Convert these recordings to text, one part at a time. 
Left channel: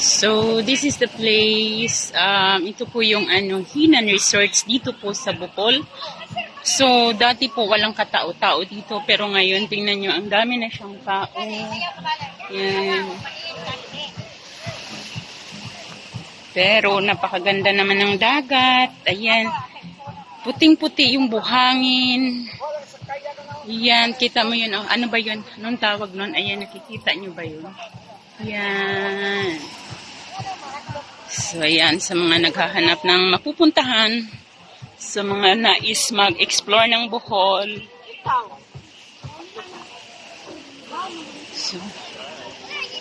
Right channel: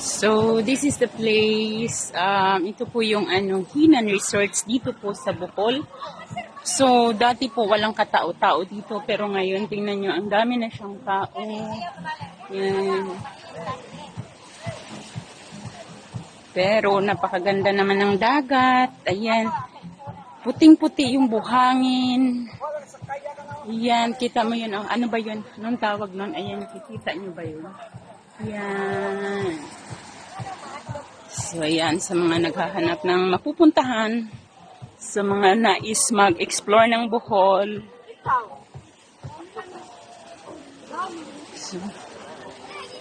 So, this is the place. Ito po yung Hinan Resorts dito po sa Bohol. So, dati po walang katao-tao dito. Pero ngayon, tingnan nyo, ang dami na siyang tao. Yan. Pero, napakaganda naman ng dagat. Ayan. Puting-puti yung buhangin. Yan, kita mo yun. Oh, ano ba yun? Anong tawag nun? Ayan, nakikita nyo ba yun? Yan. So, ayan, sa mga naghahanap ng mapupuntahan, sa mga nais mag-explore ng Bohol. So,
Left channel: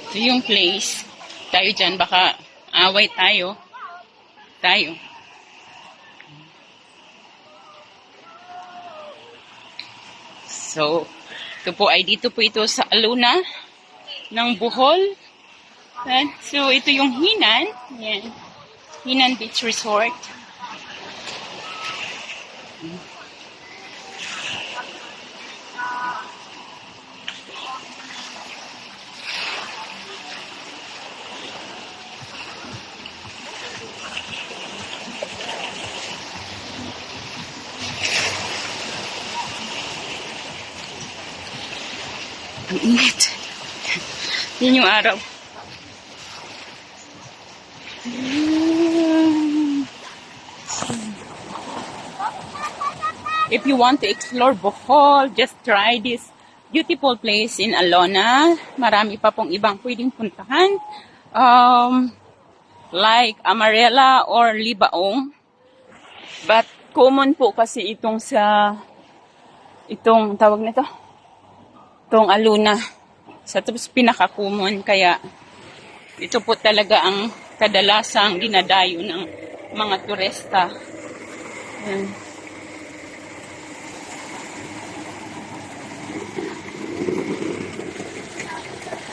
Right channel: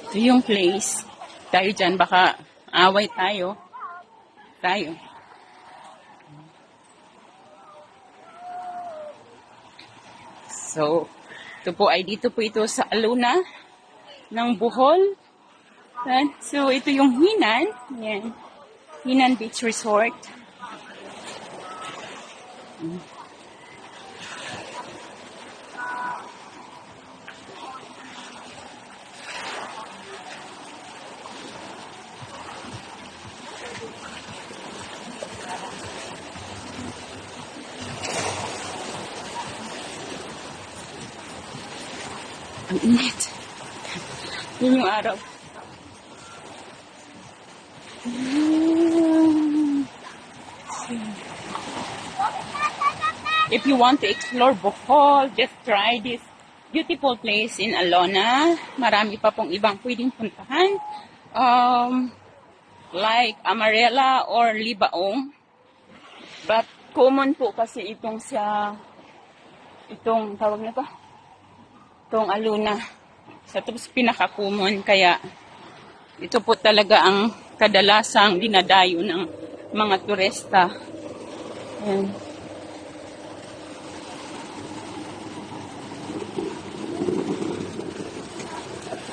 ito yung place. Tayo dyan, baka away tayo. So, ito po ay dito po ito sa Aluna ng Bohol. So, ito yung Hinan. Yan. Hinan Beach Resort. Ang init. Yan yung araw. If you want to explore Bohol, just try this beautiful place in Alona. Marami pa pong ibang pwedeng puntahan. Like Amarela or Libaong. But common po kasi itong tawag na to? Itong Alona. Sa tapos pinaka-common. Kaya ito po talaga ang kadalasang dinadayo ng mga turista. Ayan.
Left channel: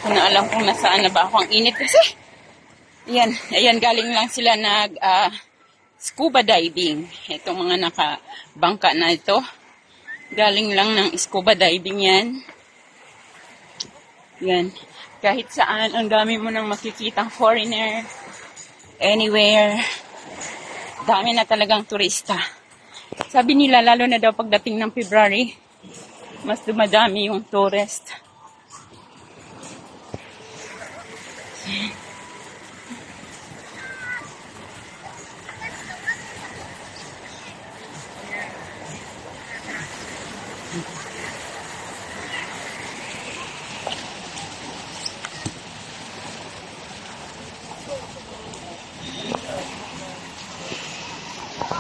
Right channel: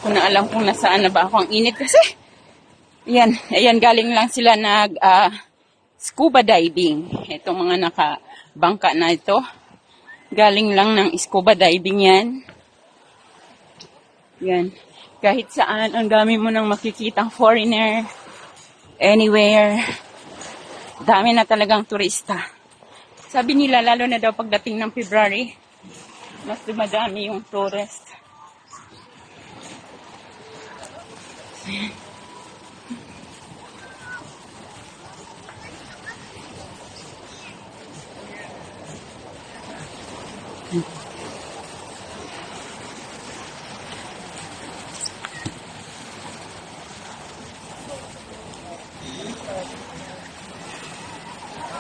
Kung alam kung nasaan na ba ako. Ang init kasi. Ayan, galing lang sila nag scuba diving. Itong mga nakabangka na ito. Galing lang ng scuba diving yan. Yan. Kahit saan, ang dami mo nang makikitang foreigner. Anywhere. Dami na talagang turista. Sabi nila, lalo na daw pagdating ng February, mas dumadami yung tourist.